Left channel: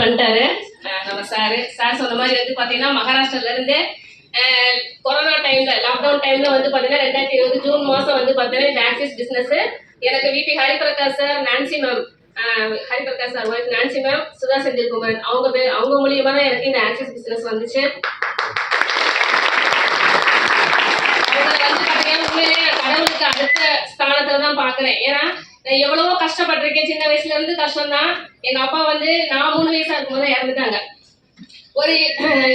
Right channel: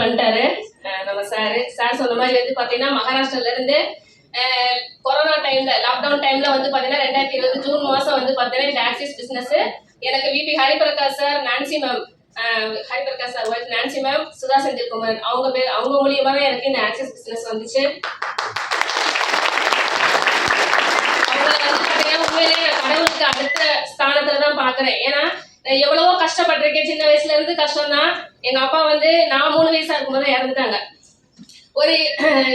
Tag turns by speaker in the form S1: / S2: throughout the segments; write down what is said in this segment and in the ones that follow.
S1: பண்ணிட்டாரு. நம்ம sir sir சொன்ன மாதிரி வந்து பார்த்தீங்கன்னா மகாராஷ்டிரால இருந்து கொரோனா டைம்ல லாக்டவுன் டைம்ல வந்து பார்த்தீங்கன்னா ரெண்டாயிரத்தி இருபது ஜூன் மாதம் வந்து பார்த்தீங்கன்னா இந்த ஆக்சிஸ் பிஸ்னஸ் எனக்கு VP Hariprakash sir Nancy ma'am Hariprakash sir wife Nancy ma'am Sudha Senthilkumar அவங்க பேர் அவங்க மூலியமா தான் எனக்கு இந்த ஆக்சிஸ் பிஸ்னஸ் வந்துச்சு. அவங்கள வந்து பார்த்தீங்கன்னா உண்மையிலேயே கடவுளுக்கு அடுத்த ஸ்தானத்துல தான் பார்க்குறேன் ஏன்னா எவ்வளவோ கஷ்டப்பட்டிருக்கேன். சின்ன வயசுல இருந்து கஷ்டம் தான் எங்க அப்பா வந்து நான் மூணு வயசா இருக்கும்போது இறந்துட்டாங்க. ஒரு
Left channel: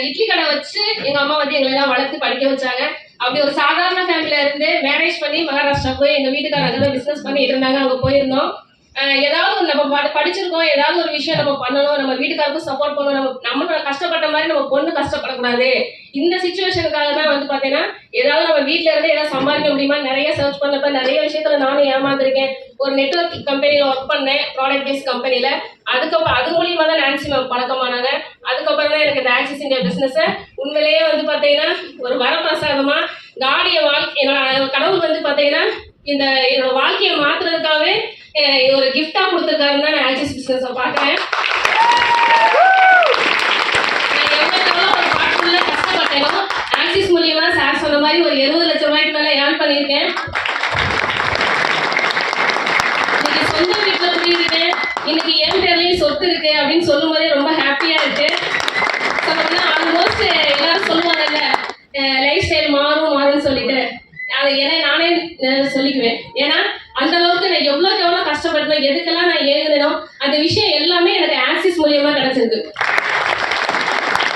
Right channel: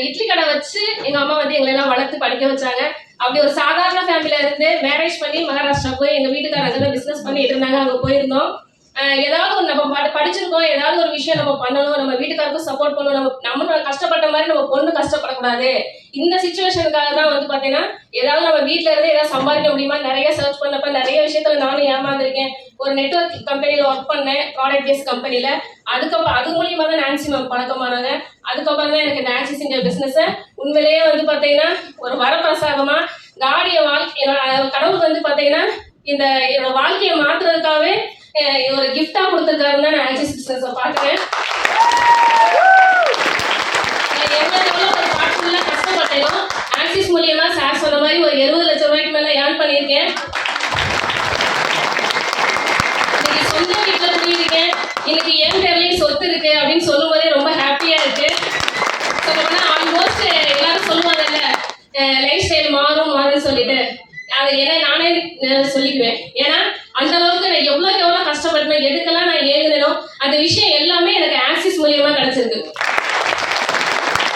S1: இட்லி கடை வச்சு எங்க அம்மா வந்து எங்களை எல்லாம் வளர்த்து படிக்க வச்சாங்க. அப்படி ஒரு சாதாரண ஃபேமிலியில இருந்து மேரேஜ் பண்ணி மகாராஷ்டிரா போய் எங்க வீட்டுக்காரங்க பிசினஸ் பண்ணிட்டு இருந்தாங்க. அங்க போயிருந்தோம். ஏதாவது ஒரு நம்ம படிச்சிருக்கோம் ஏதாவது ஒரு விஷயம் நம்ம பண்ணணும் நம்ம வீட்டுக்காருக்கும் சப்போர்ட் பண்ணணும் நம்ம நம்ம கஷ்டப்பட்ட மாதிரி நம்ம பொண்ணு கஷ்டப்படக்கூடாது. இந்த சுச்சுவேஷனுக்காக தான் வந்து பார்த்தீங்கன்னா ஏதாவது நம்ம வீட்டில இருந்து ஏதாவது சம்பாதிக்க முடியுமா? நிறைய சர்ச் பண்ணப்ப நிறைய விஷயத்துல நானும் ஏமாந்துருக்கேன். ஒரு நெட்வொர்க் கம்பெனியில் ஒர்க் பண்ணேன் ப்ராடக்ட் பேஸ் கம்பெனியில் அதுக்கப்புறம் அது மூலியமா தான் நான்சி மேம் பழக்கமானாங்க. அதுக்கப்புறம் தான் எனக்கு நான்சி ஆக்சிஸ் பிஸ்னஸை உண்மையிலேயே வந்து பார்த்தீங்கன்னா ஒரு வரப்பிரசாதமா காடிய வாழ்க்கை என்னோட கடவுள் வந்து பார்த்தீங்கன்னா இந்த என்னோட வாழ்க்கையை மாத்துறதுக்காகவே ஒரு கிஃப்டா கொடுத்துருக்காருன்னு நான் ஆக்சிஸ் பிசினஸ் பாக்குறேன் கஷ்டப்பட்டேனோ ஆக்சிஸ் மூலியமா சார் சொன்ன மாதிரி ஒரு எழுபது லட்சம் ரூபாய்க்கு மேல ஏர்ன் பண்ணியிருக்கேன். சொந்த வீட்டுல பண்ணியிருக்கேன் இன்னைக்கு என் பேர்லயும் சொத்து இருக்கு அப்படின்னு சொல்லும் போதே ரொம்ப ஹாப்பியா இருக்கு. ஆல்மோஸ்ட் எல்லாரும் சொல்லுவாங்கல்ல லைஃப் ஸ்டைல் மாறும் மாறும்னு சொல்லிட்டு. அதை ஏன்னா நானே சொல்லிக்குவேன். ஏன்னா அந்த அளவுக்கு நான் எவ்வளவுக்கு எவ்வளவு கஷ்டப்பட்டேன் எதுக்கெல்லாம் நான் ஏங்குனேனோ அந்த விஷயம் எல்லாமே எனக்கு ஆக்சிஸ் மூலியமா கிடைச்சிருக்கு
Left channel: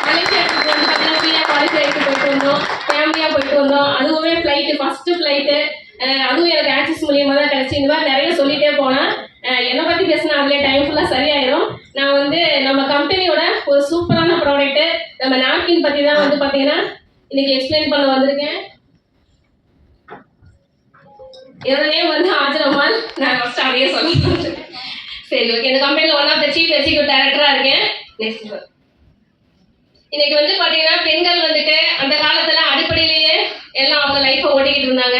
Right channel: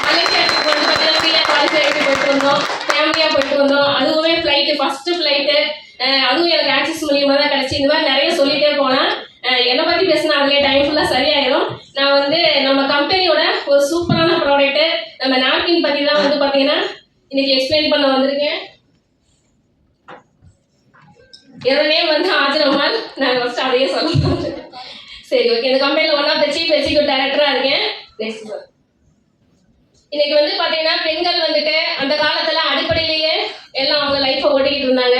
S1: மலேசியாவுக்கு வந்து பார்த்தீங்கன்னா ஃப்ரீயாக குவாலிஃபை போயிட்டு வந்தோம் ஃபேமிலியாக போயிட்டு வந்தோம். அதுவுமே ஃப்ளைட்டு ஃபஸ்ட்டு ஃப்ளைட்டு அதுவும் எனக்கு ஆக்சிஸ் மூலியமாக தான் கிடச்சி. இந்த மாதிரி நிறைய சொல்லிட்டே போனால் என்னை பற்றி பேசினா அதுலேயே டைம் ஃபுல்லாக சரியாயிடும் நான் வந்து நம்ம கம்பெனியோட ஒரு சூப்பரான ப்ராடக்ட்டு நம்ம நாப்கின் பற்றி தான் வந்து பார்த்தீங்கன்னா இன்னைக்கு எக்ஸ்பிளைன் பண்ண வந்திருக்கேன். என்னோட நேம் வந்து ஆஜரம்மாள் நான் ஃபஸ்ட் அதையே சொல்ல சரி ஓகே இந்த கம்பெனியில் one of the chief executive டைரக்டராக இருக்கேன். நெக்ஸ்ட் இன்னைக்கு வந்து பார்த்தீங்கன்னா பெண்கள் வந்துட்டு அந்த காலத்தில் அடிப்படையிலேயே எல்லாம் அவங்க லைஃப்பை ஓட்டிக்கிட்டு இருந்தாங்க.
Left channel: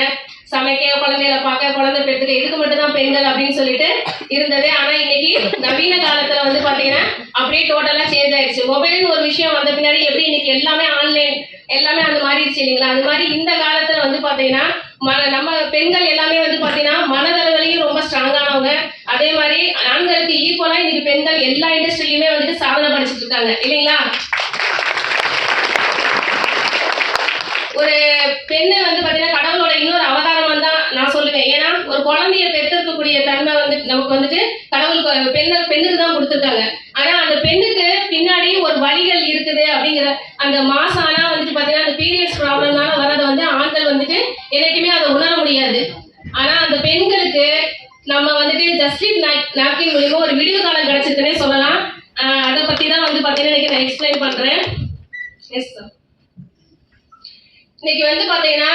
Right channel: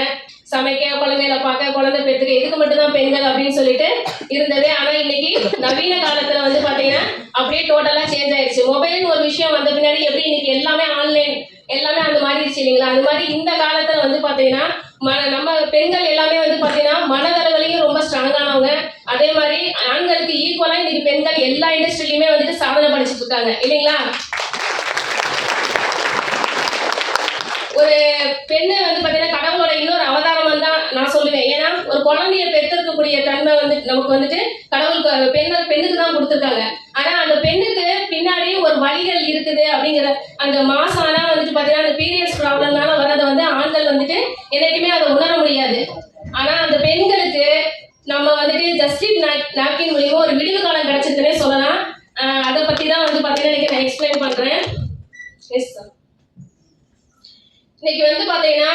S1: சமைக்க குழந்தைகளை பார்க்க குழந்தை பெற்றுக்க இதுக்கு மட்டும்தான் பெண்கள் அப்படின்னு சொல்லிட்டு இருந்தது. ஆனா இன்னைக்கு நவீன காலத்துல வந்து பாத்தீங்கன்னா அப்படியே டோட்டலா சேஞ்ச் ஆயிடுச்சு. மொபைல்னு ஒரு விஷயம் வந்த பின்னாடி எப்படி இன்னைக்கு எல்லாமே ஆன்லைன் எல்லாமே அந்த மாறிடுச்சு இல்லைங்களா? அந்த மாதிரி இந்த காலத்துல வந்து பாத்தீங்கன்னா மன நம்ம பெண்கள் எல்லாமே வந்து பாத்தீங்கன்னா மனதளவிலையும் ரொம்ப ஸ்ட்ராங்கானவங்க அதே மாதிரி ஆண்களுக்கு ஈக்குவலா இன்னைக்கு பெண்கள் எல்லா இண்டஸ்ட்ரியிலுமே வந்துட்டு சாதனை படிச்சுட்டு இருக்காங்க. இல்லைங்களா? ஒரு பெண்ணை வந்து பார்த்தீங்கன்னா கடவுளோட இன்னொரு அவதாரம் தான் நான் சொல்லுவேன். ஏன்னா ஒரு குழந்தைய பெற்றிருக்கக்கூடிய தன்மை வந்து நமக்கு வந்துட்டு கடவுளுக்கு பெண்ணு பெண்ணுக்கு தான் கொடுத்துருக்காங்க. ஆனா அந்த பெண்ணுக்கு பின்னாடி ஒரு வழிகள் இருக்குது அப்படிங்கிற அந்த மா ஆனா வந்துட்டு பார்த்தீங்கன்னா அந்த பீரியட்ஸ் ப்ராப்ளம்னால வரதை வந்து ஆண்கள் வந்துட்டு என்னைக்குமே அதை உணர முடியாது ஆனா அந்த பெண்களுக்கு நம்ம வந்துட்டு ஜஸ்டின் நாப்கின் மூலியமா ஒரு விடிவு காலம் கிடைச்சிருக்குன்னே சொல்லலாம் ஆஹ் அதை பத்தி தான் வந்து பார்த்தீங்கன்னா இன்னைக்கு நான் எக்ஸ்பிளைன் பண்றேன் எஸ் சார் இன்னைக்கு வந்து பாத்தீங்கன்னா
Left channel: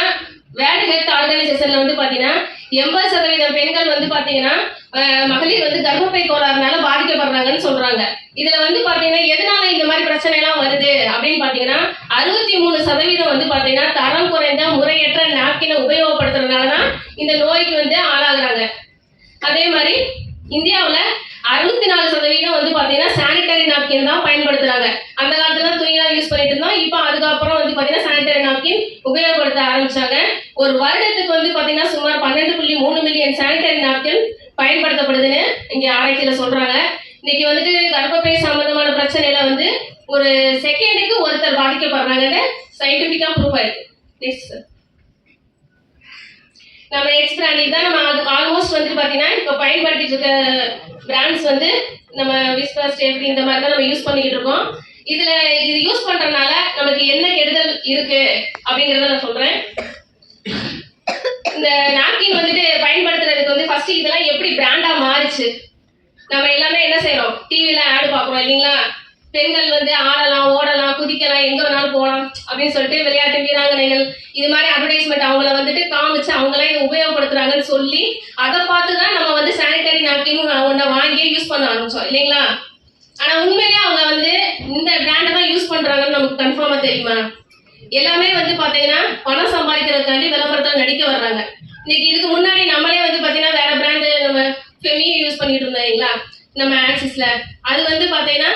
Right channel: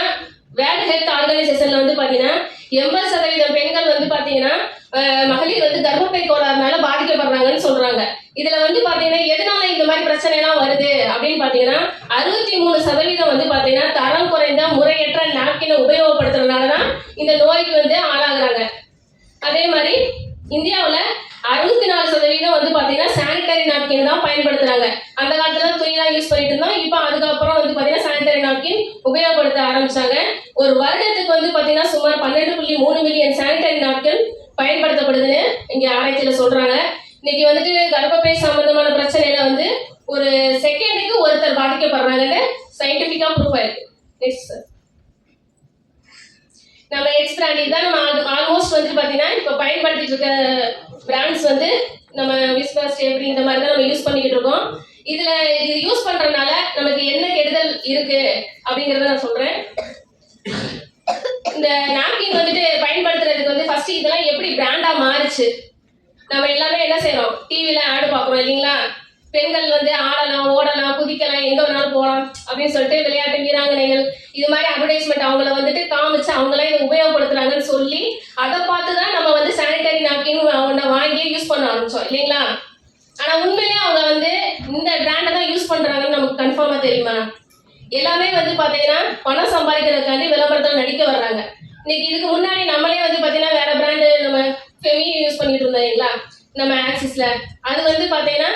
S1: வேர்ல்ட் ஹெல்த் ஆர்கனைசேஷன்ல வந்து பாத்தீங்கன்னா எண்பது சதவீதம் பெண்கள் வந்து பாத்தீங்கன்னா அஹ், மகளிர் வந்து கர்ப்பப்பை கோளாறுனால பாதிக்கப்படுறாங்கன்னு சொல்றாங்க இதுல வந்து பாத்தீங்கன்னா எதனால இந்த மாதிரி பிரச்சனை எல்லாம் வருது அப்படின்னு பாத்தீங்கன்னா அறுபத்தி மூணு சதவீதம் வந்து பாத்தீங்கன்னா தரம் குறைந்த முறையற்ற நாப்கினை உபயோகப்படுத்துறதுனால தான் இந்த நோய்க்கு வந்து ஆளாகிறாங்க. அதே மாதிரி இந்தியாவில் அறுபத்தி நாலு சதவீதம் வந்து பார்த்தீங்கன்னா சானிடரி நாப்கின் தான் பயன்படுத்துறாங்க. அந்த காலத்துல துணிலாம் யூஸ் பண்ணிட்டு இருந்தோம். இப்போ அதுக்கப்புறம் வந்து பார்த்தீங்கன்னா சானிடரி நாப்கின் உபயோகப்படுத்த ஆரம்பிச்சாங்க. ஒரு வருடத்துக்கு வந்து பார்த்தீங்கன்னா சுமார் பன்னெண்டு புள்ளி மூணு மில்லியன் சானிடரி நாப்கின் பயன்படுத்தப்படுதுன்னு இங்கே ஆராய்ச்சியில் சொல்றாங்க. இன்னைக்கு வந்துட்டு கர்ப்பப்பை சம்பந்தமான பிரச்சனையில வந்து ஒரு செகண்டுக்கு ஒருத்தர் பாதிக்கப்படுறாங்கன்னு சயின்டிபிக்கா ப்ரூவ் ஆயிருக்கு. நெக்ஸ்ட் சார் நம்ம எக்ஸ் பிராண்ட் தான். நம்ம ஆல்மோஸ்ட் வந்து பார்த்தீங்கன்னா இப்போ பயன்படுத்திட்டு இருக்க பிராண்ட்ஸ் வந்து நம்ம விஸ்வாஸ் எப்படி இந்த மாதிரி தான் நம்ம யூஸ் பண்ணிக்கிட்டு இருக்கோம். இதுல இது யூஸ் பண்றதுனால நமக்கு என்ன கெடுதல் இருக்கு அப்படிங்கறத நான் சொல்றேன். இந்த நாப்கின் வந்துட்டு பயன்படுத்துறதுக்கு வந்து ஃபர்ஸ்ட் இதெல்லாம் எப்படி பிராண்டா மாறுச்சு? நம்ம எல்லாமே என்ன செய்யறோம்? டிவில ஆடு பாக்குறோம் இல்லைங்களா? பெண்கள் வந்து ஆடலாம் ஓடலாம் குதிக்கலாம் எங்க வேணாலும் போகலாம் அப்படின்னு சொல்லிட்டு விளையாட்டு வீராங்கனைகள் இது மாதிரி அட்வர்டைஸ்மெண்ட் அவங்கள வந்துட்டு காமிச்சு அவங்களாம் இதை உபயோகப்படுத்துறாங்கன்னு சொல்லி அதை பார்த்து தான் நம்ம வந்து சானிடரி நாப்கின் ஒன்றை வாங்கி யூஸ் பண்ண ஆரம்பிச்சோம் இல்லைங்களா? ஆனா உண்மையிலே அவங்க வந்து இந்த பிராண்டை தான் யூஸ் பண்றாங்கன்னு நமக்கு கன்ஃபார்மா தெரியுமா? எல்லாமே வந்து பாத்தீங்கன்னா பணம் சம்பாதிக்கிறதுக்காண்டி விளம்பரத்தில் நடிக்க வர்றாங்க. இன்னைக்கு இதுக்கு முன்னாடி நம்மளே வந்து பாத்தீங்கன்னா வேற பிராண்டு நம்ம ஃபெமினி யூஸ் பண்ணிட்டு இருந்தோம் இல்லைங்களா? நம்ம ஆக்சிஸ்ல அது வந்து பார்த்தீங்கன்னா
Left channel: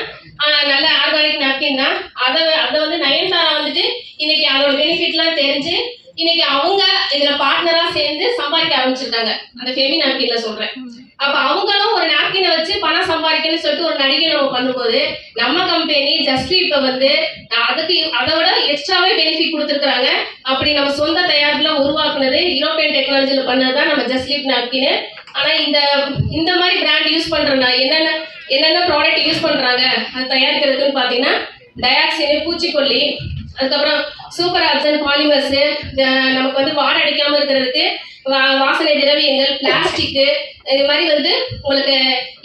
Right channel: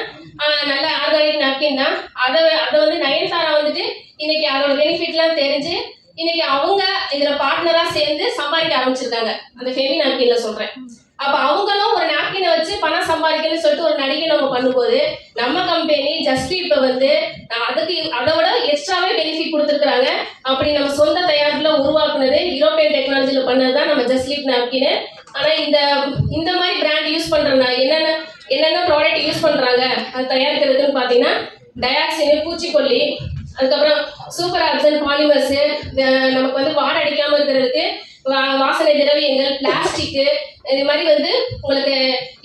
S1: நல்ல ஆர்கானிக் நாப்கின் தான். அதை அதை வந்து நயன்தாரா வந்துட்டு இன்னைக்கு அதோட பெனிஃபிட்லாம் தெரிஞ்சு இன்னைக்கு அவங்க இதுல பார்ட்னரா சேர்ந்து சம்பாதிக்க ஆரம்பிச்சிருக்காங்க. அந்த ஃபெமி நாப்கின்ல சொல்றேன். அப்ப அவங்களும் ஒரு நாப்கினை வச்சு பணம் சம்பாதிக்கணும்னு சொல்லிட்டு ஒரு நடிகை நம்ம பண்ணும்போது நம்ம கம்பெனி ஜஸ்ட் இப்ப வந்து அதுக்கு அதை விட எக்ஸ்ட்ராவே பெனிஃபிட் கொடுத்துருக்காங்க அப்படி நம்ம சொந்த தயாரிப்புல உருவாக்குனது யூரோப்பியன் டெக்னாலஜியில பண்ணதுதான் நம்ம ஜஸ்லீப் நாப்கின் ஆனா இந்த இந்த மாதிரி பிராண்ட் யூஸ் பண்றனா என்னென்ன என்னென்ன ப்ராடக்ட் யூஸ் பண்றாங்க அது தயாரிக்கிறதுக்குன்னு பாத்தீங்கன்னா டயாக்சின் பூச்சிக்கொல்லி அதுக்கப்புறம் சூப்பர் ஆப்சன் பாலிமர்ஸ் நமக்கு வந்து வாடை அடிக்காமல் இருக்கிறதுக்கு வா- வாசனை திரவியங்கள் பிளாஸ்டிக்கு இது மாதிரி வந்து உங்களுக்கு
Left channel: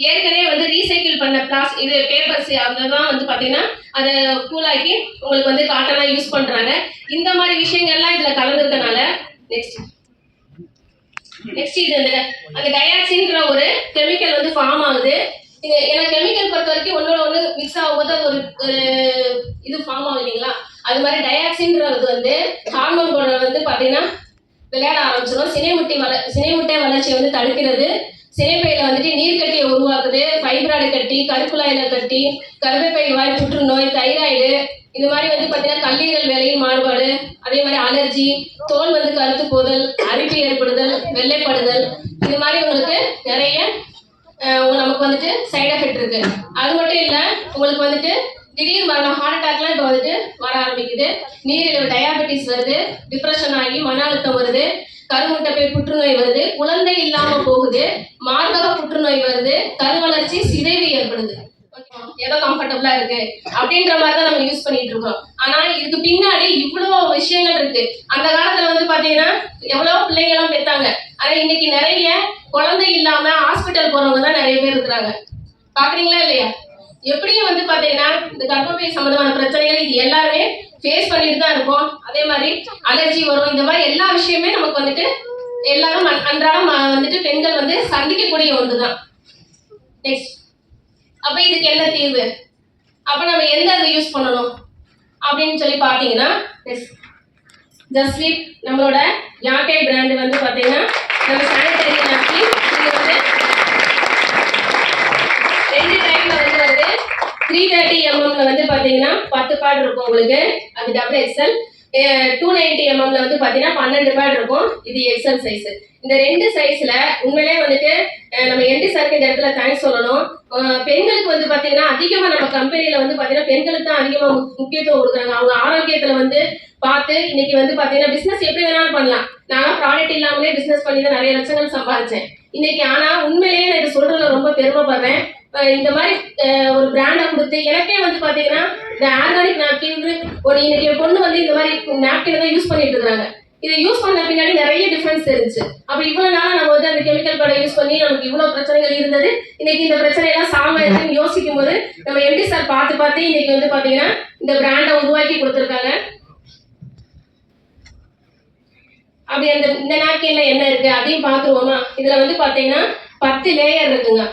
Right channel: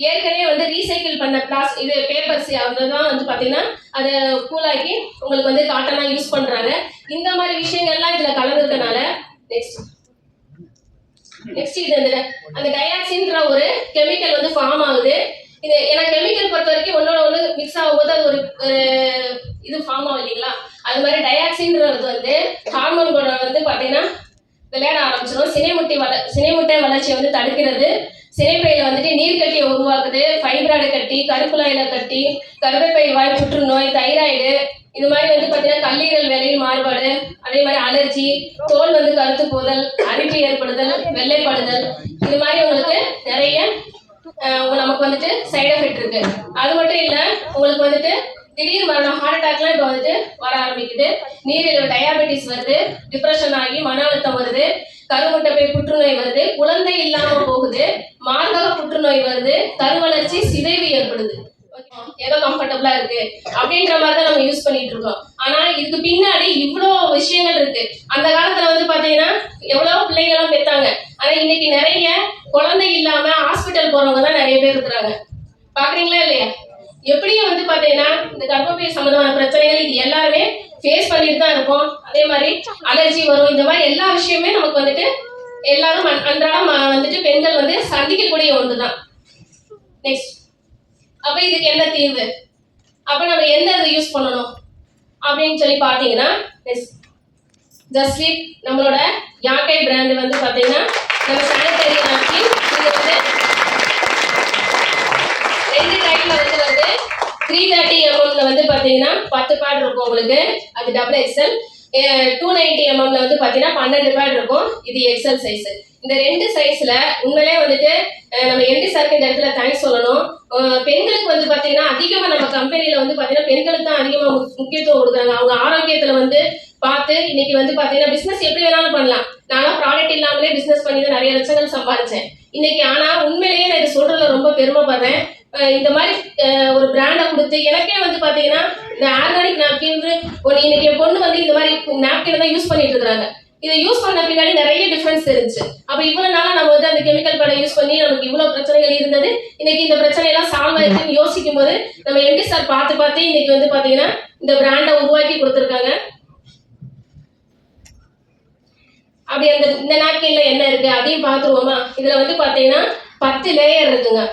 S1: ஏற்கனவே வந்து ரீசைக்கிள் பண்ண பிளாஸ் இது பேப்பர்ஸ் அதெல்லாம் வந்து பார்த்தீங்கன்னா அதை கூலாக்கி உங்களுக்கு வந்து காட்டனாக யூஸ் பண்ணுறாங்க இந்த மாதிரி விஷயங்கள்லாம் இதில் கலந்துருக்கனால நெக்ஸ்ட் நெக்ஸ்ட் இது அந்த அந்த டயாக்சின்ற ஒரு கெமிக்கல் வந்து ஃபார்ம் ஆகுது. இது ஏன்னா கெமிக்கல் பொறுத்த வரைக்கும் ஒன்னோட ஒன்று மிக்ஸ் ஆகும்போது அது ஒரு ஒரு இது ஃபார்ம் ஆகும் இல்லைங்களா? அது மாதிரி டயாக்சின்றது வந்து ஹார்மோன் கூட வந்து பார்த்தீங்கன்னா விளையாட ஆரம்பிச்சிடும் சினைமுட்டை வள சினைமுட்டை வளர்ச்சியை வந்து தடுக்கிறது. சினைப்பையில் வந்துட்டு நீர்க்கட்டியை உருவாக்குது. ஃபைப்ராய்டு கட்டி கருக்குழாயில் கட்டி கருப்பை வாய் புற்றுநோய் தைராய்டு இது மாதிரி வந்து பார்த்தீங்கன்னா கல்லீரல் வேலையில் மாறுபாடு அதே மாதிரி அலர்ஜி தோல் வந்து கருத்து போதல் அரிப்பு ஏற்படுதல் வெள்ளைப்படுதல் இது மாதிரி உங்களுக்கு நிறைய நமக்கு வந்துட்டு சைடு எஃபெக்ட் இருக்கு. அது மட்டும் இல்லை உங்களுக்கு வந்துட்டு திடீர் மரணம் ஹார்ட் அட்டாக்லாம் இப்போ வந்துட்டு வர ஆரம்பிக்குது. நீரிழிவு டயாபெட்டிஸ் வருது டிப்ரெஷன் ஆகி மன அழுத்தம் வருது கருமுட்டை போய் புற்றுநோய் வருது குழந்தை இல்லாம போகுது மார்பக புற்றுநோய் வருது கருவளர்ச்சி சிதைவு ஏற்படுது. ஏதோ கம்ஃபர்டபுளா இருக்கு. அப்படின்ற மாதிரி தான் நம்ம யூஸ் பண்ணிட்டு இருக்கோம். ஆனா இதுக்கு பின்னாடி இவ்வளோ விஷயங்கள் இருக்கு. அந்த காலத்துல வந்து பாத்தீங்கன்னா எவ்வளவு எல்லாம் பெத்தாங்க. ஆனா இன்னைக்கு நிறைய குழந்தை இல்லாம ஹாஸ்பிட்டல் போறவங்க தான் நிறைய பேர் இருக்கிறாங்க. பாக்குறீங்களா இல்லையா? எப்படியும் வந்து பாத்தீங்கன்னா இந்த கர்ப்பப்பை சம்பந்தமான பிரச்சனைகள் இது எல்லாருமே ஃபேஸ் பண்ணிட்டு தான் இருக்கோம் அதே மாதிரி அலர்ஜி வரும். இந்த மாதிரி எல்லா விஷயமே நமக்கு வந்துட்டு எல்லாரும் அன்றாடம் வந்துட்டு பெண்கள் வந்து சந்திக்கக்கூடிய ஒன்று தான் நெக்ஸ்ட் அப்ப இதுக்கு என்ன தீர்வு? அப்ப நம்ம எந்த இதை யூஸ் பண்ணணும்? அப்படின்னு சொல்லி பார்த்தீங்கன்னா ஜஸ்லீப் நம்மளோட யாக்கை பிராண்ட் வந்து பார்த்தீங்கன்னா நம்ம சானிடரி நாப்கின் இது வந்து ரெண்டு டைப்ல வந்து வந்து த்ரீ தேர்ட்டி எம்எம்ல வந்து பார்த்தீங்கன்னா பத்து பேட் இருக்கும் உங்களுக்கு. அது டபுள் எக்ஸ்எல் டூ நைன்டி எம்எம்ல வந்து பார்த்தீங்கன்னா பன்னெண்டு பேட் இருக்கும். இது எக்ஸ்எல் சைஸ் இந்த ரெண்டு சைஸ்ல உண்மையிலே வந்துட்டு நம்ம எம்டி சாருக்கு இந்த இடத்துல தேங்க்ஸ் சொல்லணும். பெண்களுக்கு வந்து பார்த்தீங்கன்னா அதிகமாக நம்ம கம்பெனியில் வந்து பார்த்தீங்கன்னா பெண்களுக்கு தான் அதிகமாக முக்கியத்துவம் கொடுக்குறாங்க. அவங்க ஆரோக்கியத்தில் வந்து பார்த்து இன்னைக்கு வந்து பார்த்தீங்கன்னா பிஸ்னஸ் எப்படி வேணாலும் பண்ணலாம். நானும் ப்ராடக்ட் இல்லாமலே பிஸ்னஸ் பண்ணி தான் நிறைய லட்சங்கள் சம்பாதிச்சேன் இன்னைக்கு ஆனால் உண்மையிலேயே நான் இதை சொல்றதுல ரொம்ப பெருமைப்படுறேன். இந்த மாதிரி ஒரு பிராண்டை கொடுத்து எனக்கே வந்து பார்த்தீங்கன்னா இந்த ஆர்கானிக் நாப்கின் ஒரு இன்னைக்கு என் பொண்ணு வந்து இந்த மாதிரி நாப்கின் தான் யூஸ் பண்ணிட்டு இருக்காங்க இதை யூஸ் பண்ண பின்னாடி நிறைய டிஃபரன்ஸ் இருந்துச்சு. அப்ப இவ்வளவு நாளா நம்ம வந்து அந்த கெமிக்கல் படை யூஸ் பண்ணி நமக்கு இவ்வளவு பிரச்சனைகள் இருந்தது. இன்னைக்கு இந்த பிரச்சனை எல்லாம் சால்வ் ஆயிருக்குன்னு யோசிக்கும் போது நம்ம எம்டி சார் பார்த்து பார்த்து இன்னைக்கு வந்து பாத்தீங்கன்னா இந்த பிராண்டை உருவாக்கி கொடுத்துருக்காங்க. அப்படி அந்த இந்த நாப்கின்ல என்ன இருக்கு அதையும் பார்த்துருவோமா? இதுல வந்து பாத்தீங்கன்னா பத்து லேயர் இருக்குங்க.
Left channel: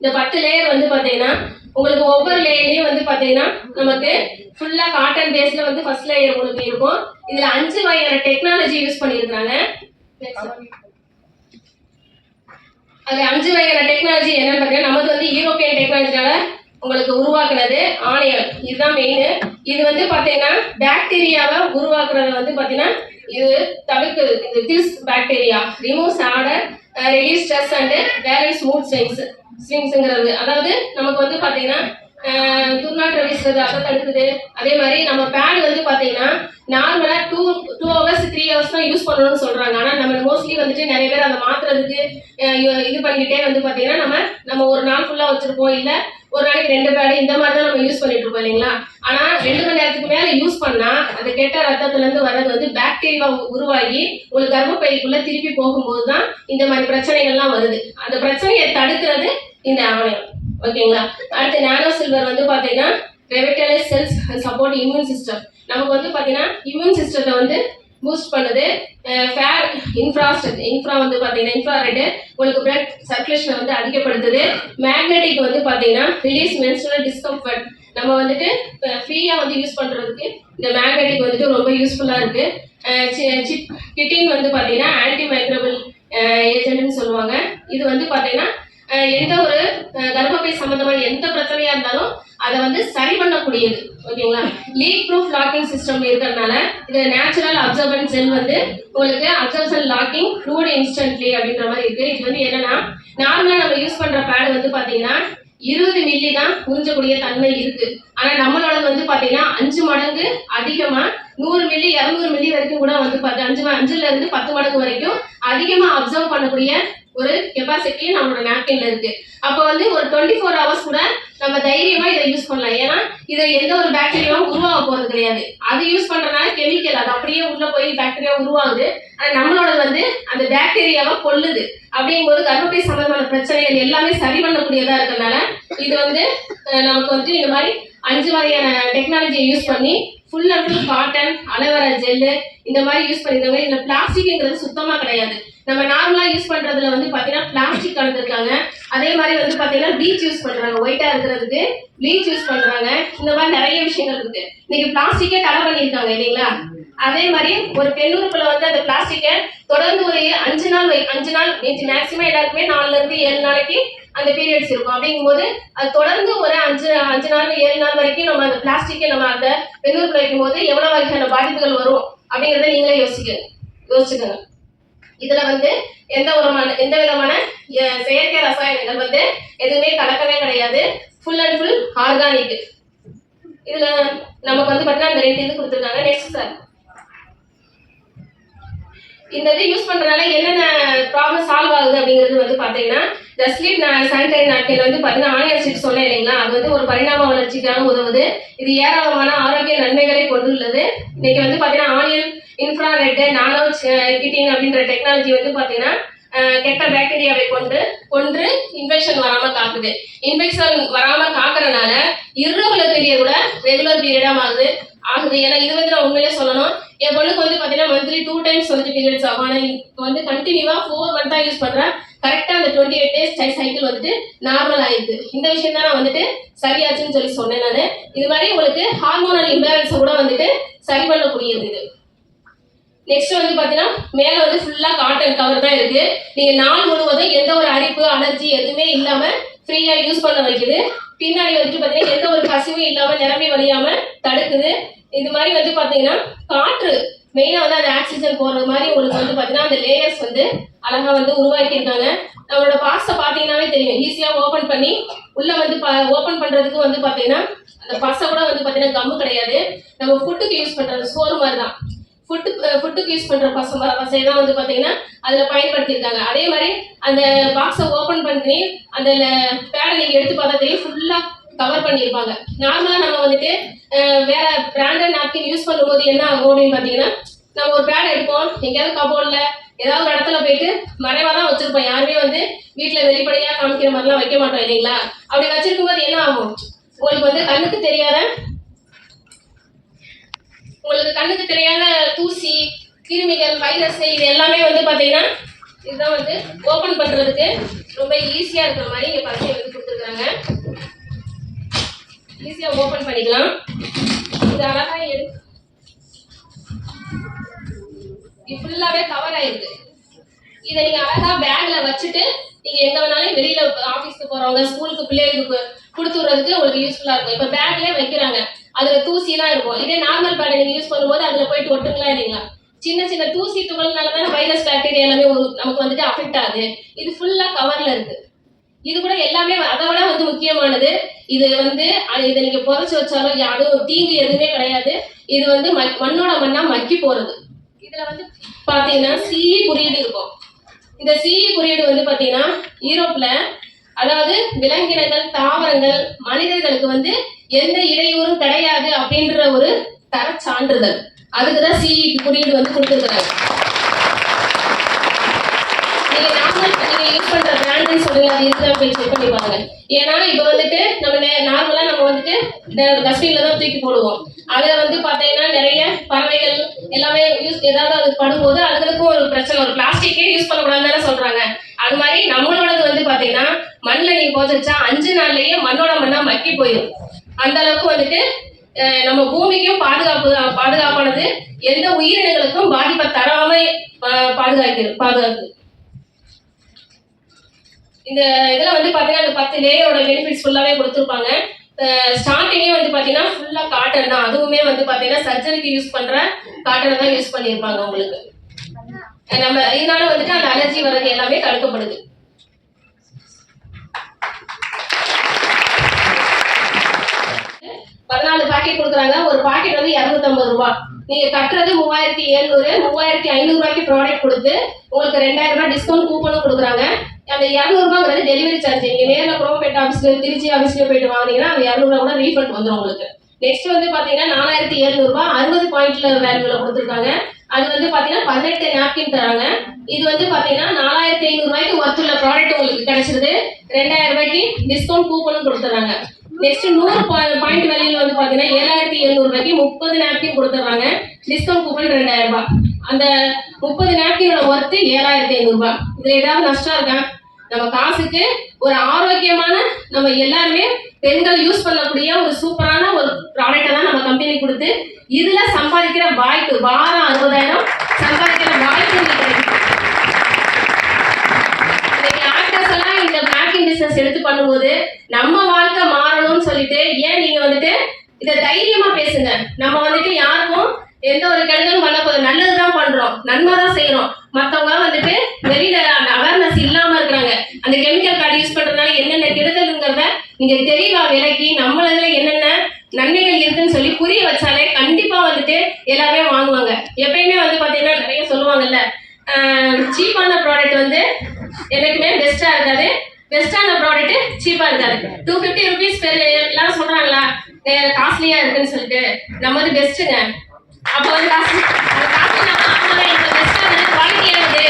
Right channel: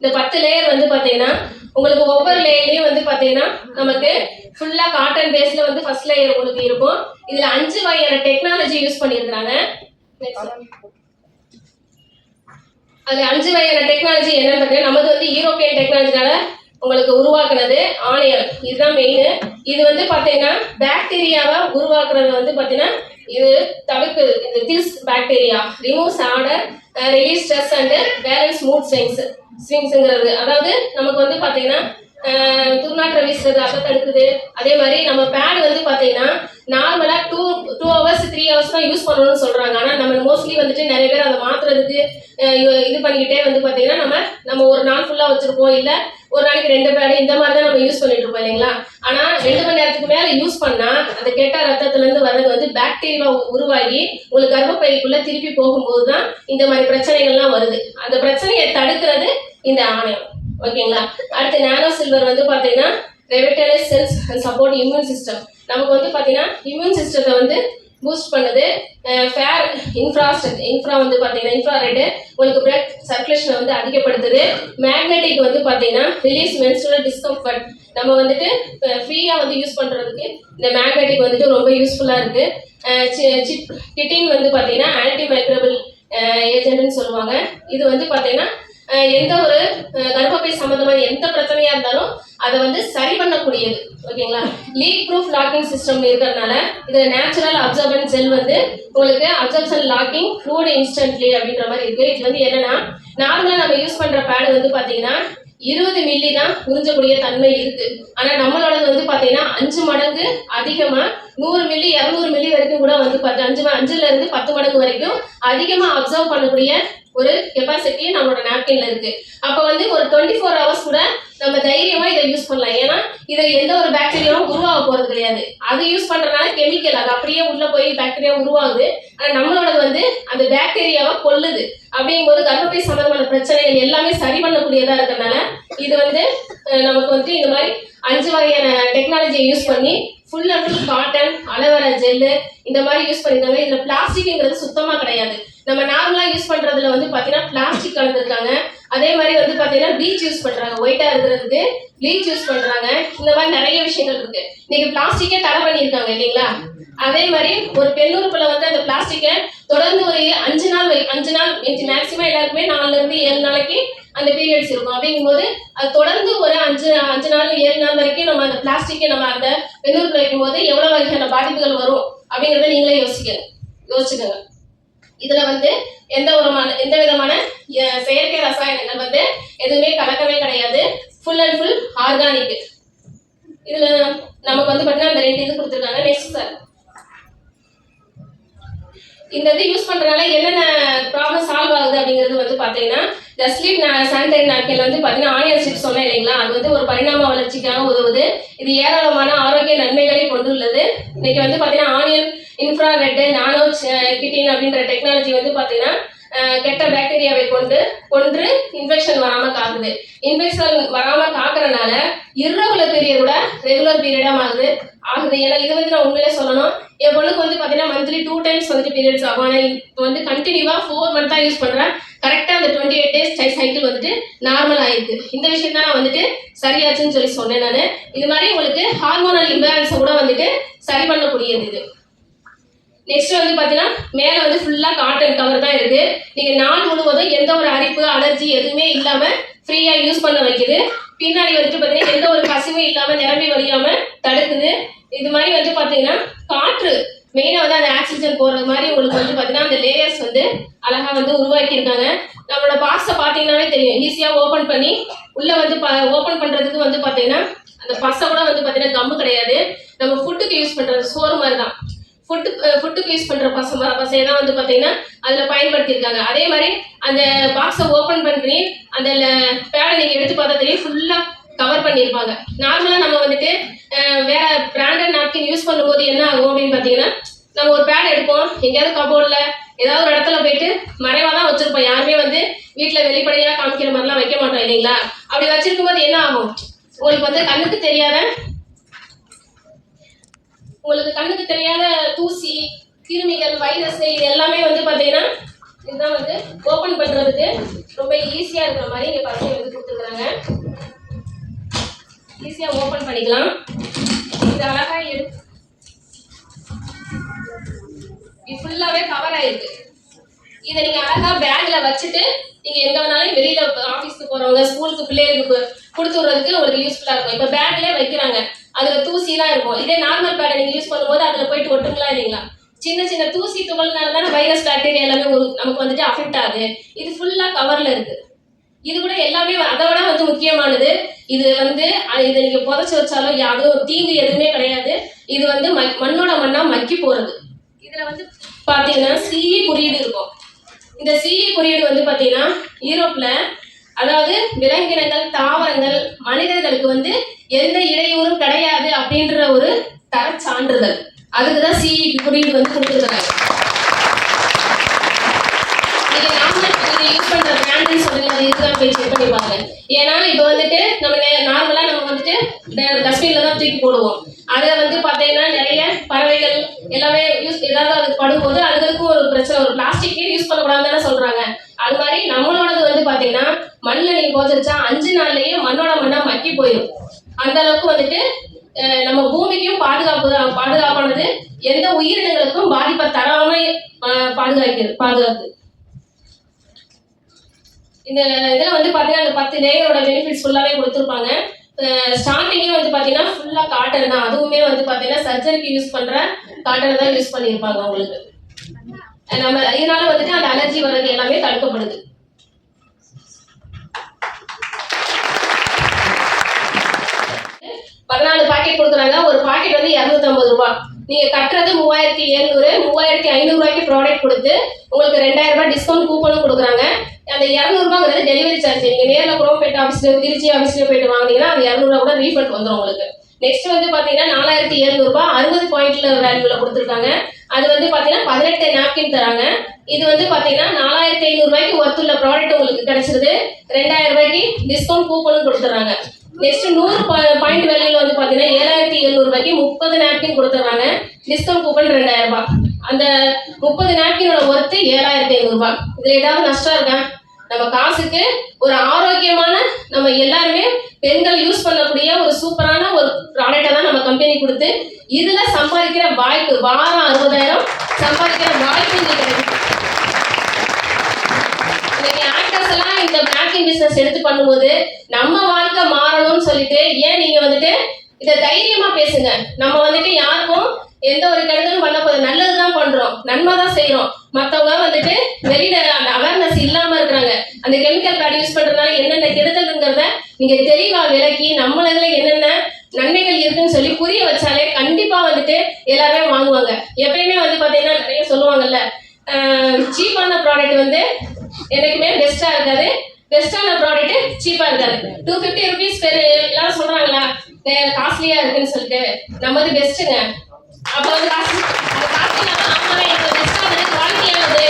S1: இந்த பத்து லேயர் வந்து பாத்தீங்கன்னா உங்களுக்கு ஒவ்வொரு லேயர்லயும் வந்து பாத்தீங்கன்னா நமக்கு ஃபுல்லா காட்டன் பேஸ்ல வந்து ஃபர்ஸ்ட் லேயர் உங்களுக்கு இருக்கும். இதுல அஞ்சு வகையான டெக்னாலஜி யூஸ் பண்ணியிருக்காங்க அதில் அஞ்சு வகையான டெக்னாலஜி என்னன்னு பார்த்தீங்கன்னா நமது வந்து யூரோப்பியன் டெக்னாலஜினால உங்களுக்கு உருவாக்குனது ஆணையம். இதுதான் மெயின் இது வந்து பாத்தீங்கன்னா பாக்டீரியாவை உருவாக்குறது வந்து பாத்தீங்கன்னா இது தவிர்க்குது இது kills bacteria removes odour release stress and balance mood swings ஸ்விங்ஸுங்கிறது அதாவது நமக்கு வந்து பார்த்தீங்கன்னா துர்நாற்றம் துர்நாற்ற வீசுறது அதை தடுக்குது. அதே மாதிரி நம்ம பேட் வந்து பார்த்தீங்கன்னா நார்மலாக two two hours three hours தான் யூஸ் பண்ணணும்னு சொல்கிறாங்க ஆனால் நம்ம மோஸ்ட்லி வந்துட்டு நிறைய பேர் அதை மாற்றுறதுக்கு இது பண்ணிக்கிட்டே வந்து பார்த்தீங்கன்னா நம்ம நம்ம ஒரு நாள் ஃபுல்லாக வச்சுருப்போம். இல்லை ஒரு நாளைக்கு ரெண்டு பேடு இந்த மாதிரி தான் நம்ம யூஸ் பண்ணிட்டு இருப்போம் இல்லைங்களா? ஆனால் ரெண்டு மணி நேரத்துக்கு மேலே யூஸ் பண்ணால் அந்த கெட்ட ரத்தத்துலேருந்து வர்றது வந்து பாக்டீரியா உருவாகி உங்களுக்கு கர்ப்பப்பைக்குள்ளே திருப்பி போகும்போது தான் இந்த மாதிரி பிரச்சனைகள்லாம் வருது. அந்த பிரச்சனையை தடுக்கிறது இந்த ஆணையம். ஓகேங்களா? அடுத்து நானோ சில்வர் வந்து பார்த்தீங்கன்னா revitalise cells support immune system நமக்கு வந்து பார்த்தீங்கன்னா இம்யூன் சிஸ்டத்தை வந்து பூஸ்ட் பண்ணுது. ஃபேர் இன்ஃப்ராஸ்ட் இன்ஃப்ரா வந்து பார்த்தீங்கன்னா இன்ஃப்ராரெட்டு உங்களுக்கு பிளட் சர்க்குலேஷனை வந்து அதிகப்படுத்துது. மேக்னெட்டிக் வந்து பார்த்தீங்கன்னா ரிலீஸ் மென்ஸ்ட்ரல் டிஸ்கம்ஃபர்ட் நம்ம வந்துட்டு ஃப்ரீயாக வந்து யூஸ் பண்ணுறதுக்கு இந்த மேக்னெட்டிக் வந்துட்டு ரொம்ப யூஸ்ஃபுல்லாக இருக்குது சிப் கிட்டின் வந்து பார்த்தீங்கன்னா ஆன்டி மைக்ரோபிள் ஏஜென்ட்னு சொல்லுவாங்க. இது வந்து பார்த்தீங்கன்னா எந்த ஒரு கர்ப்பப்பை சம்பந்தமான எந்த பிரச்சனையா இருந்தாலும் அதை வந்து சரி பண்ணக்கூடியது. ஓகேங்களா? லீக் ப்ரூஃப் லாக்கிங் சிஸ்டம் இருக்கிறதுனால இது நேச்சுரல் அப்சர்வன் செல் வந்து உங்களுக்கு அப்சர்வன் லாக்கிங் ஃப்ளூட் இன்ஸ்டன்ட்லி அப்படின்ற மாதிரி இருக்கு. இது வந்து என்னன்னா நார்மலா நம்ம யூஸ் பண்ற பேடு வந்து பாத்தீங்கன்னா இருபது மில்லி தான் உறிஞ்சக்கூடிய தன்மை இருக்கு. ஆனா நம்மளோடது வந்து பாத்தீங்கன்னா அஞ்சு மடங்கு அதிகமா நூறு மில்லி இரநூறு மில்லி வரைக்கும் கூட வந்து பத்து அஞ்சு அஞ்சுல இருந்து பத்து மடங்கு வரைக்கும் அதிகமா அப்சர்வ் பண்ணக்கூடிய ஒரு கெப்பாசிட்டி நம்மளோட நாப்கின்ல இருக்கு. அப்போ வந்து ஒரு டுவெண்ட்டி ஃபோர் ஹவர்ஸ் கூட நம்ம தைரியமா இதை யூஸ் பண்ணலாம். ஏன்னா இதை எந்த ஒரு பாக்டீரியாவும் உருவாக போறது கிடையாது. அது யூஸ் பண்றதுனால கெமிக்கல் அது அப்படியே உள்ள போய் பாக்டீரியா உருவாகுது. ஆனா நம்மளோடது வந்து அந்த பாக்டீரியாவை கொல்லுது அப்படிங்கும்போது கர்ப்பப்பை சம்பந்தமான பிரச்சனைகள் எல்லாமே சரி பண்ணக்கூடியதா இருக்கிறதுனால இது வந்து நமக்கு வந்து இந்த மாதிரி அஞ்சு வகையான டெக்னாலஜியை யூஸ் பண்ணி full and full cotton aloe vera gel இந்த மாதிரி யூஸ் பண்ணிருந்த மாதிரி இதில் பிளாஸ்டிக்ங்கிறது சுத்தமாக கிடையாது. நம்ம நார்மலா யூஸ் பண்றதுல வந்து பாத்தீங்கன்னா பிளாஸ்டிக் கலந்துருக்காங்க. அதே மாதிரி வந்து பாத்தீங்கன்னா ப்ளீச் யூஸ் பண்றாங்க. ஒயிட்டா இருக்கிறதுக்கு ப்ளீச் யூஸ் பண்றாங்க. இந்த மாதிரி நிறைய விஷயங்கள் இருக்கு. இன்னைக்கு பிளாஸ்டிக்கே தடை பண்ணியிருக்காங்க இல்லைங்களா? அதே மாதிரி ஒரு பெண்ணுறுப்புல வந்து அந்த பிளாஸ்டிக்கை தொடர்ந்து ஒரு அஞ்சு நாள் வை- அஞ்சு நாள் மேக்சிமம் எல்லாருக்குமே நாலுல இருந்து ஏழு நாளைக்கு அந்த பீரியட்ஸ் இருக்கும். அப்படிங்கும்போது அது தொடர்ந்து ஒரு அஞ்சு அஞ்சு நாள் ஏழு நாள் வரைக்கும் நம்ம அந்த பிளாஸ்டிக்கை நம்ம அந்த பெண்ணுறுப்புல வைக்கும்போது எவ்வளவு வகையான பாதிப்புகள் வரும் அப்படிங்கறத நீங்களே யோசிக்க யோசிச்சுக்கோங்க. இதுல வந்து எந்த ஒரு எந்த விதமான செயற்கை ரசாயனங்கள் வந்து எதுவுமே கலக்கவே கிடையாது. ஃபுல் அண்ட் ஃபுல் ஆர்கானிக் இதுல நமக்கு வந்து பார்த்தீங்கன்னா அந்த ரெண்டு இது கொடுத்துருக்காங்க. நெக்ஸ்ட் சார் இந்த இது யூஸ் பண்றதுனால என்னென்ன ப்ராப்ளம் சால்வ் ஆகுது அப்படிங்கிறது வந்து பாத்தீங்கன்னா இந்த ஸ்லீப் சானிடரி நாட்கள் வந்து பாத்தீங்கன்னா ஆனியன் சிப்ஸ் சொன்னேன் இல்லைங்களா? அது வந்து ஒரு பரிணாம வளர்ச்சிக்கான உதவுது. இது ஏராளமான ஆரோக்கிய நன்மைகளை கொண்டுள்ளது. இன்னைக்கு வந்து பாத்தீங்கன்னா ஆனியன் இன்ஃப்ராரெட் நானோ கிட்டின் அப்படின்ற டெக்னாலஜி வந்து பாத்தீங்கன்னா கெட்ட பாக்டீரியாவை கொண்டு கொன்று இன்ஃபெக்ஷன் வராமல் காக்குது. இன்ஃபெக்ஷன் வராமல் காக்குறதுனால இரவுல பீரியட் கூட ரெகுலர் பீரியடா மாறுது. ஆகுது. ஏன்னா இது வந்து நான் உண்மையிலே சொல்லணும். என் பொண்ணுக்கு வந்து பார்த்தீங்கன்னா மந்த்லி டூ டைம்ஸ் வந்துட்டு பீரியட்ஸ் ஆகும். ஆனால் இப்போ வந்து கண்டினியூவாக ஃபோர் மந்த்தாக யூஸ் பண்ணுறேன் கரெக்டாக அந்த டுவெண்ட்டி எயிட் டேஸ் சைக்கிள் வந்துட்டு நார்மல் ஆயிருக்கு. இந்த விஷயம் தான் நான் வந்துட்டு சரியாச்சுன்னு சொல்லி சொன்னேன் நான். இது மாதிரி உங்களுக்கு ஹார்மோனல் இம்பேலன்ஸை கூட வந்துட்டு சரி பண்ணக்கூடியது இது. நெக்ஸ்ட் வந்து பார்த்தீங்கன்னா மேலே வந்து ஃபுல்லாக காட்டன் கவர் தான் இருக்கு. நீங்கள் நாள் முழுவதும் எந்த ஒரு அரிப்பு அலர்ஜி எதுவுமே இல்லாமல் ஃப்ரீயாக யூஸ் பண்ண வைக்குது. பின்னாடி வந்துட்டு பார்த்தீங்கன்னா எந்த ஒரு கசிவும் இல்லாமல் நிரம்பி வழியாமல் தடுக்குது. இது மாதிரி வந்து பார்த்தீங்கன்னா காற்று. மெயினாக வந்து அந்த ஆக்சிஜன் போகிறது மாதிரி உங்களுக்கு வந்து பார்த்தீங்கன்னா அந்த லேயர்ஸ் வந்து அழகா வந்து உருவாக்கியிருக்காங்க. நம்மளோட பாக்ஸை பார்த்தீங்கன்னாவே தெரியும். ஈஸியாக ஓப்பன் பண்ணி உள்ளே வந்து ஓப்பன் பண்ணுறதுக்கு வந்து பார்த்தீங்கன்னா அந்த பசை கூட வந்து பார்த்தீங்கன்னா கம்மு கிடையாது. நம்ம ஃபுட்டுக்கு யூஸ் பண்ணுறது சோறு மாதிரி தான் ஃபுட்டு ஃபுட்டுக்கு யூஸ் பண்ணுற பச பசையை தான் வந்து பார்த்தீங்கன்னா அதில் பயன்படுத்தியிருக்காங்க. அதே மாதிரி அந்த பாக்ஸை ஓப்பன் பண்ணி அந்த பேடை நீங்கள் எடுத்து பார்த்தா தெரியும் கவர் பண்ணியிருப்பாங்க. நார்மலாக நம்ம வந்துட்டு வேற பிராண்டட் நாப்கின் யூஸ் பண்ணும்போது என்ன ஆகும் அப்படின்னு பார்த்தீங்கன்னா நம்ம ஒரு பேட் எடுப்போம். எங்கேயாவது கபோர்டில் ஏதாவது ஒரு இடத்துல போயிட்டு மறைவா தான் வச்சிருப்போம். யாருமே வந்து வீட்டில் வெளிப்படையாக காமிக்கிற மாதிரிலாம் வைக்க மாட்டோம் இல்லைங்களா? அப்படி வச்சிருக்கும் போது என்ன ஆகும்? உங்களுக்கு வந்து கண்ணுக்கு தெரியாத உங்களுக்கு கண்ணுக்கு தெரியாத தூசி கிருமிகள் வைரஸ் இது எல்லாமே வந்து பார்த்தீங்கன்னா இதுதான் வந்து ஓப்பன் பண்ணுறதுக்கு ரொம்ப ஈஸியாக இருக்கிற மாதிரி இங்கே பசங்க வந்து கொடுத்துருக்குறாங்க ஈஸியாக ஓப்பன் பண்ணிக்கலாம். இது அழகாக எடு இது ஃபுல்லாகவே கவர் ஆயிருக்கு. இதை நீங்கள் அழகாக பேக்கில் வச்சுட்டு நீங்கள் எங்கே வேணாலும் வெளியில் ஆஃபீஸ்க்கு போகிறவங்க ஸ்கூலுக்கு பிள்ளைகளுக்கு கொடுத்து விட்றதுக்கு உங்களுக்கு யூஸ்ஃபுல்லாக இருக்கும். இப்போ பேக்லேயே வைக்கிறாங்க. அதுல தூசி எல்லாம் இருக்கும். இதே நார்மல் பேட் நீங்க யூஸ் பண்ணும்போது அதுல போயிட்டு ஒட்டுங்களா இல்லைங்களா? சின்ன சின்ன தூசி துகள்னால தானே வைரஸ் பாக்டீரியா எல்லாமே ஒரு- நமக்கு வந்துட்டு அஃபெக்ட் ஆகுது. இது ஃபுல்லா கவர்ல இருக்கு. இது கூட எல்லாமே அதை விட வந்து முக்கியமானது இது வந்து இதை நீங்க புதைச்சி வச்சாலும் யாரும் தீங்கு எதுவுமே கிடையாது. இது வந்து மண்ணோட மண்ணா மக்கி போறது. இதுல வந்து பாத்தீங்கன்னா சிஇ குறியீடு இருக்கும். இந்த சிஇ குறியீடு வந்து பாத்தீங்கன்னா யூரோப்ல அதாவது விலங்கினங்கள் தாவரங்கள் மனிதர்களுக்கு வந்து எந்த இடையூறும் கிடையாது அப்படின்ற ஒரு தர சான்றிதழ் அதுக்குதான் சிஇ குறியீடு வந்து கொடுத்துருக்காங்க. நீங்க யூஸ் பண்ற பிராண்ட்னு சொல்லுங்க. அது இருக்குதா போய் செக் பண்ணி பாருங்க. ஏன்னா இப்போ வந்துட்டு நம்ம நார்மலா நம்ம வந்துட்டு டஸ்ட்பின்ல தான் தூக்கி போடுவோம். அதுல வந்து பாத்தீங்கன்னா நிறைய பறவைகள் எல்லாமே யூஸ் ஏதாவது அது படும்போது அதுகளுக்கும் ஒரு பிரச்சனை ஒரு பிளாஸ்டிக்கே யூஸ் பண்ணக்கூடாதுன்னு சொல்றாங்க. அது மாதிரி நம்மளும் பார்த்தீங்கன்னா மண்ணில் நீ போதிச்சா அஞ்சு நாள்லயே மண்ணோட மண்ணா மக்கி போயிடும் அந்த அளவுக்கு வந்துட்டு அஹ், நம்ம பூமிக்கும் பாதுகாப்பு தான் பாதுகாப்பானது எந்த உயிரினங்களுக்கும் பாதிப்பை தராம பாதுகாக்கிறது பாதுகாப்பு இந்த இதில் வந்து பார்த்தீங்கன்னா அந்த பத்து லேயரோட பெனிஃபிட்ஸ் ஃபுல்லாகவே கொடுத்துருப்பாங்க. ஸ்டார்டிங்கே வந்து பார்த்தீங்கன்னா ஃபுல்லாக காட்டன் தான். அதுவுமே வந்து பார்த்தீங்கன்னா சர்ஜரிக்கு யூஸ் பண்ணுற காட்டனை தான் யூஸ் பண்ணியிருப்பாங்க அவங்களுக்கு. நம்ம இதனால வந்துட்டு அந்த அலர்ஜி வர்றது எல்லாமே தடுக்கப்படுது. பாக்கெட் கொடுக்குறாங்க. ஒரு பாக்கெட் வந்து இரநூத்தம்பது ரூபாய் நீங்க கட்டுறது மூவாயிரத்தி எழுநூறு மூவாயிரத்தி ஐநூறு ரூபாய்க்கு ப்ராடக்ட் கொடுத்து உங்களுக்கு ரெண்டாயிரம் ரூபாய் டிஸ்கவுண்ட் கூப்பனும் கொடுக்குறாங்க. அந்த இரநூறுபாங்கிறது டெலிவரி சார்ஜ் நீங்க நேரில் குரோம்பேட் ஆஃபீஸ்ல திருச்சி ஆஃபீஸ்ல போயிட்டு வாங்குனீங்கன்னா அந்த இரநூறுவா கூட ரீஃபண்ட் வந்துடும் உங்களுக்கு. நெக்ஸ்ட் வந்து பாத்தீங்கன்னா நாலாயிரத்தி எழுநூறுபா அறுபது பாயிண்ட்ல வேல்யூல கொடுத்துருக்காங்க. அது வந்து பாத்தீங்கன்னா பதினெட்டு நாப்கின் தராங்க. இது வந்து பாத்தீங்கன்னா நாலாயிரத்தி ஐநூறு ரூபாய்க்கு ஒர்த்துள்ள ப்ராடக்ட் உங்களுக்கு கிடைச்சிருது. ரெண்டாயிரம் ரூபாய்க்கு டிஸ்கவுண்ட் கூப்பனும் கொடுத்துறாங்க நெக்ஸ்ட் நூறு பாயிண்ட் வேல்யூல வந்து பாத்தீங்கன்னா ஏழாயிரத்தி எழுநூறு ரூபாய்க்கு முப்பது நாப்கின் கொடுத்துருவாங்க. டிஸ்கவுண்ட் கூப்பன் ரெண்டாயிரம் ரூபாய். அந்த முப்பது நாப்கினோட ஒர்த்து ஏழாயிரத்தி ஐநூறு ரூபாய். இதுல ஏதாவது நஷ்டம் இருக்கா? நம்ம காசுக்கு ஒரு ஆரோக்கியமான நம்ம எல்லாருமே பெண்கள் யூஸ் பண்ணக்கூடிய ஒரு சூப்பரான ஒரு ப்ராடக்ட்டை தான் நம்ம கம்பெனி கொடுத்து இதுல சம்பாதிக்கிற வாய்ப்பு வாரம் அறுபதாயிரம் சம்பாதிக்கிற வாய்ப்பு இன்னைக்கு இருக்கு. இன்னைக்கு ஆக்டர்ஸ் எல்லாம் இந்த பேக்கிங் பிசினஸ் எடுத்து பண்ணும்போது நம்ம வாழ்க்கை மாறணும்னு சொல்லிட்டு ஏன் நீங்க வந்துட்டு இதை தைரியமா பேசுங்க? நம்ம வந்துட்டு யாருக்கும் எந்த ஒரு கெடுதலும் பண்ண போதும் நல்லது தான் பண்றோம். நன்மை தான் செய்யறோம். மத்தவங்க வந்துட்டு வெளியில அந்த அவேர்னஸ் இல்லாம இருக்கிறாங்க. அந்த கெமிக்கல் கார்டு யூஸ் பண்றதுனால என்னென்ன கெடுதல்ங்கிறத நீங்க தெளிவா விலக்கி நம்மளதுல என்னென்ன நன்மைகள் இருக்குன்னு சொல்லி புரிய வச்சாலே கண்டிப்பா வந்துட்டு எல்லாருமே வாங்குவாங்க எப்பயுமே வந்து பாத்தீங்கன்னா நிறைய சொல்லுவாங்கல்ல சீப்பான ப்ராடக்ட் வந்து எனக்குமே பெஸ்டா இருக்காது பெஸ்டான ப்ராடக்ட் சீப்பா இருக்காது டூ ஃபிஃப்டி ருபீஸ் பெரு எல்லாரும் சொல்றாங்களா? காஸ்ட்லியா இருக்குன்னு சொல்லிட்டு. நம்ம வந்து பெஸ்ட்டுங்க அப்போ வந்து காசு காஸ்ட்லி ஆமாங்க இப்போ பெஸ்டா இருக்கு குவாலிட்டியானது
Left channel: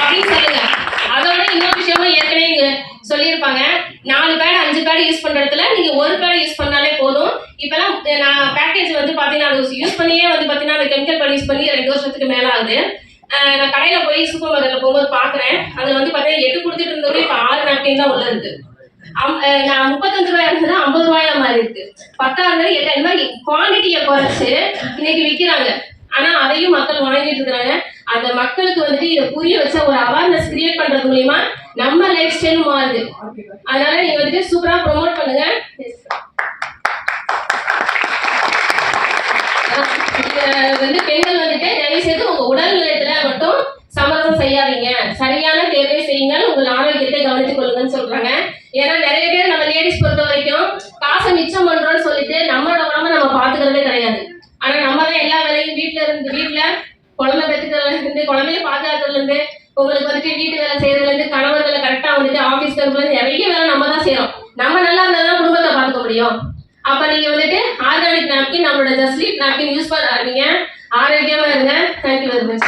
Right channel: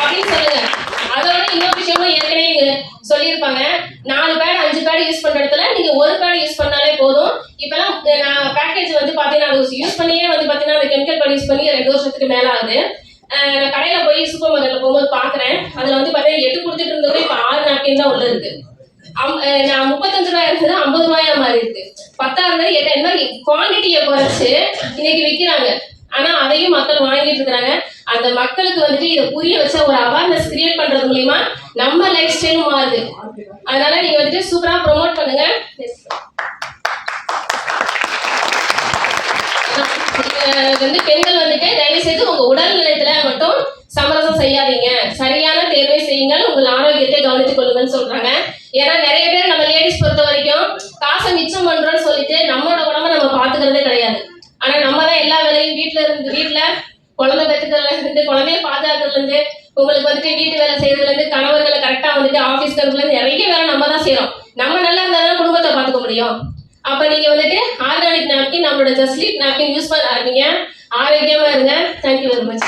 S1: அப்படின்னு சொல்லுங்க. அதோட இன்னொரு விஷயமும் ஏற்கனவே சொல்லியிருப்பாங்க. நாலு பேட் அஞ்சு பேட் யூஸ் பண்ற இடத்துல நீங்க ஒரு பேட் யூஸ் பண்ணாலே போதும். இப்பெல்லாம் நான் பேக்கேஜ் வந்து பாத்தீங்கன்னா அது யூஸ் பண்ணியே வந்து பாத்தீங்கன்னா அந்த கெமிக்கல் பேட் யூஸ் பண்ணி ரெண்டு வருஷத்துக்கு மேலே ஆகுது. நான் கடையில போய் சூப்பர் மார்க்கெட்ல போகும்போது பாக்குறேன். அதுல வந்து பாத்தீங்கன்னா எட்டு கொடுத்துட்டு இருந்தவங்க இப்ப ஆறு நாட்கள் தான் உள்ள இருக்கு. அம்- நான் முப்பத்தஞ்சு ரூபாய் இருந்தது ஐம்பது ரூபாயா மாறி இருக்கு. பத்தாயிரம் எட்டாயிரம் இந்த மாதிரி குவான்டிட்டியை குறைச்சு இன்னைக்கு விற்கிறாங்க ஆனா அதையும் மக்கள் வாங்கிட்டு இருக்கிறாங்க. அந்த மக்களுக்கு வந்துட்டு இதை புரிய வச்ச ஒரு அவேர்னஸ் கிரியேட் பண்றது மூலியமா நம்ம லைஃப் ஸ்டைலும் மாறுது. அதனால நீங்க வந்துட்டு சூப்பரா ப்ரொமோட் பண்ணுங்க. வந்து பெண்கள் வந்துட்டு தயவு செய்து உங்க உடல் நிலையத்துல மட்டும் சமரசம் செய்யாதீங்க. சரியான தேர்வை செய்யுங்கள். உங்கள் ஆரோக்கியத்தை கவனித்துக் கொள்ளுங்கன்னு சொல்றாங்க. ஏன்னா நிறைய பேர் நம்ம லேடிஸ் பொறுத்த வரைக்கும் காசை மிச்சம் பண்றோம்னு சொல்லிட்டு நம்மளோட உடம்ப நம்ம பாத்துக்கிறதே கிடையாது. ஆனா நம்ம தான் எல்லா வேலையும் வீட்டுல இருந்து வீட்டுல குழந்தை பெற்றுக்கிறதுல இருந்து குழந்தைய பாதுகாக்கிறதுல இருந்து உங்களுக்கு வந்துட்டு வீட்டு வேலை செய்யறதுல இருந்து கணவர்களை கரெக்டா வந்துட்டு ஆபீஸ் கருப்புல இருந்து நிறைய வேலை நம்ம தான் செய்யறோம். நம்ம நல்லா இருந்தாலும் குடும்பத்தை பாத்துக்க முடியும். அப்போ நீங்கள் வந்துட்டு ஆர்கானிக் நாப்கின் நம்மளோட ஜஸ்லீட் நாப்கின் யூஸ் பண்ண ஆரோக்கியமாக இருங்க. Thank you very much